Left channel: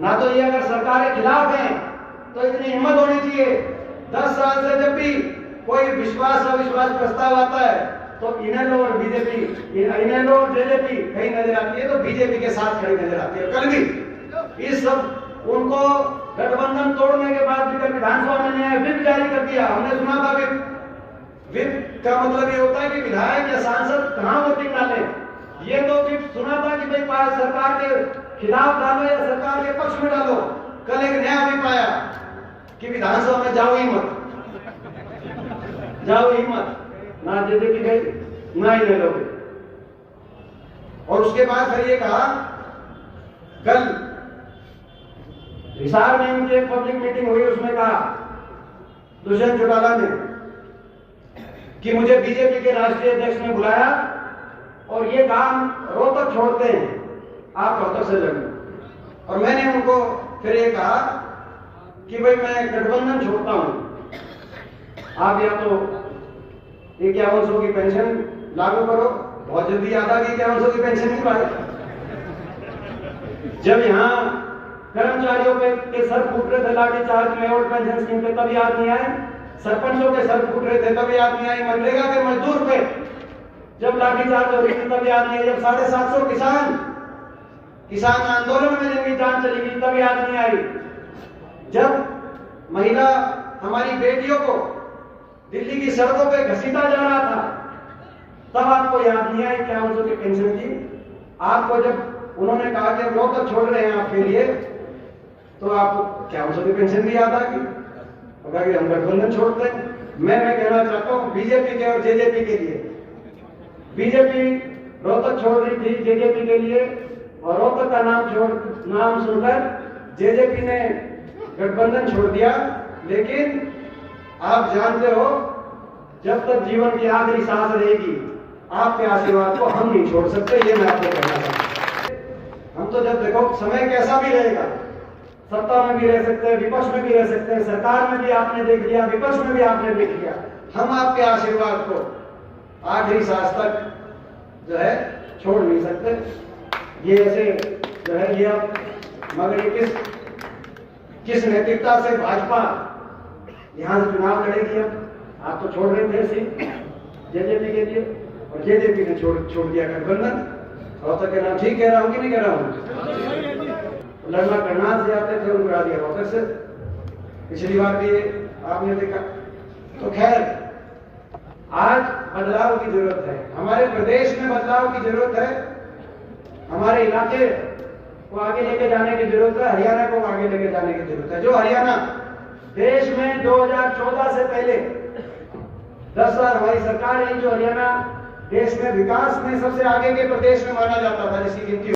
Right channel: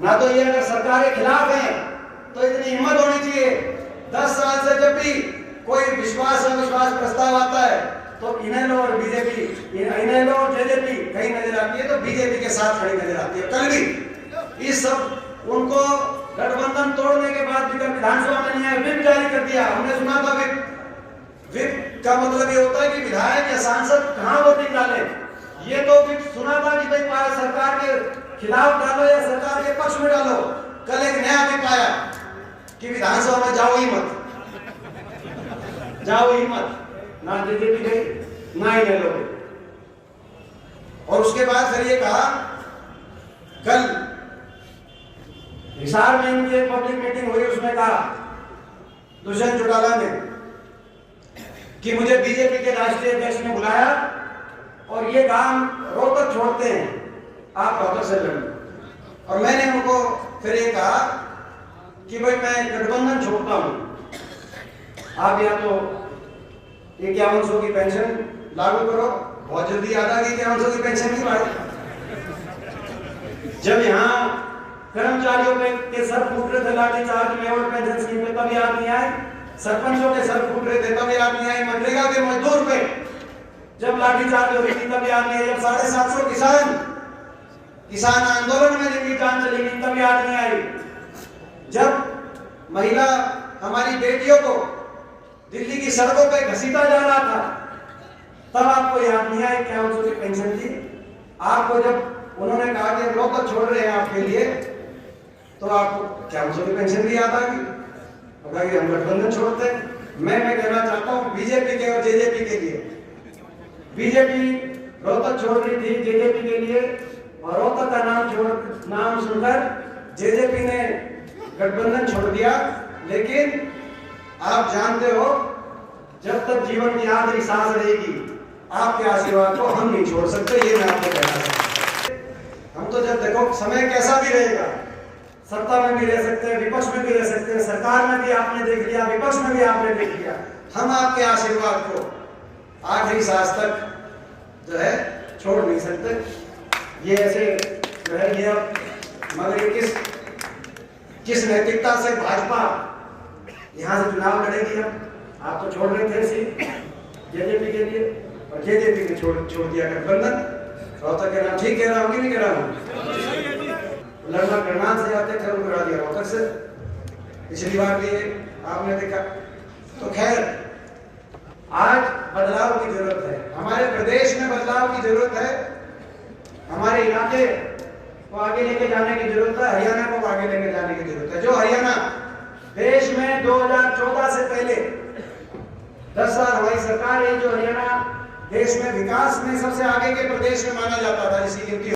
ना तो ये अगर सरकार के खिलाफ है तो इतनी हिम्मत होनी चाहिए 10 साल से जब भी कोई विश्वास अविश्वास प्रस्ताव आता है तो इनेलो और बीजेपी, इनेलो और जेजेपी कहीं नजर आती है तो बीजेपी के साथ खड़ी नजर आती है। कल भी इस सब उनको गठबंधन तोड़ने के बाद भी विधानसभा में नहीं आए, व्हिप जारी कर दिया। हमने सुना था व्हिप का मतलब ये होता है कि विधायक या सांसद कहां वोटिंग डाले। ये तो व्हिप सुना था कि भाई सरकार के खिलाफ डालो या सरकार के पक्ष में डालो। कल एक नया व्हिप आया कि विधानसभा में जाओ ही मत, जाओ ही मत, ना जेजेपी गई ना ही लोगे। और उसके बाद फिर ये कहा, कल हिसार में इनकी एक पब्लिक मीटिंग हुई, उसमें कहा दुष्यंत चौटाला ने कि मुझे बीजेपी के राष्ट्रीय अध्यक्ष ने बुलाया और ये काम रोहतक छोड़ते हैं, आप रोहतक से लड़ो। और मैंने उनको फिर ये कहा कि भाई मैं गठबंधन छोड़ता हूं, आप या तो 5100 की पेंशन लागू करो। बहुत जल्दी याद आ गई 5100 की पेंशन की बात। जब यहाँ कर्मचारियों के सर फूट रहे थे लाठीचार्ज में और पेंशन स्कीम पे, तब याद नहीं आए। सरपंचों के सर फूट रहे थे, तब याद नहीं आई। मनरेगा के मजदूर पे जब लाठीचार्ज हो रही थी, तब याद नहीं आई। जब 750 किसान आंदोलन में जिनकी जान चली गई, तब याद नहीं आई। जब महिला हमारी बेटियों को दिल्ली की सड़कों पे घसीटा जा रहा था, तब आपको याद नहीं आई 5100 की पेंशन थी। आपको जब उन्होंने कहा कि रोहतक छोड़ रहे हैं आपके लिए, तो आपको 5100 की पेंशन भी याद आ गई, कि हम गठबंधन छोड़ते। मैं कहना चाहता हूँ बीजेपी के और जेजेपी के लिए, बीजेपी रोहतक छोड़ रही थी जेजेपी के लिए, और रोहतक का नाम सुनकर जेजेपी ने गठबंधन छोड़ दिया। लेकिन आप जानते हो, जब तक जीवन की आखिरी सांस रहेगी, आपके आशीर्वाद को हम नहीं छोड़ सकते। ये मैं आपको कहना चाहता हूं। हम तो जब देखो समय कैसा भी रहेगा, सत्ता में भी रह सकते हैं, विपक्ष में भी रह सकते हैं, सरकार में भी आपने देख लिया, विपक्ष में भी आपने देख लिया। हम आपके आशीर्वाद को आखिरी सांस तक जो है छोड़ नहीं सकते। ये ऐसे जो है ये अब, मगर किस नैतिकता से भाजपा यहाँ से चुनाव लड़ेगी। अब आप तो छोड़ रहे थे जेजेपी के लिए, और जेजेपी ने छोड़ दिया गठबंधन। रोहतक के नाम ठीक कह रहा हूँ कि नहीं कह रहा हूँ? लड़ना करनाल से जाते थे, उनको करा दिया रोहतक से। पिछली बार भी आपने देखा। तो खैर, आज बदलाव की जरूरत है, हमारे प्रदेश में बदलाव की जरूरत है, हमारे इलाके को आगे लेके जाने की जरूरत है, हरियाणा को आगे लेके जाने की जरूरत है। जो हरियाणा देश में 2014 से पहले 10 साल हमारी सरकार है, जो हरियाणा देश में विकास में सबसे आगे के प्रदेश में माना जाता था, जिसकी गिनती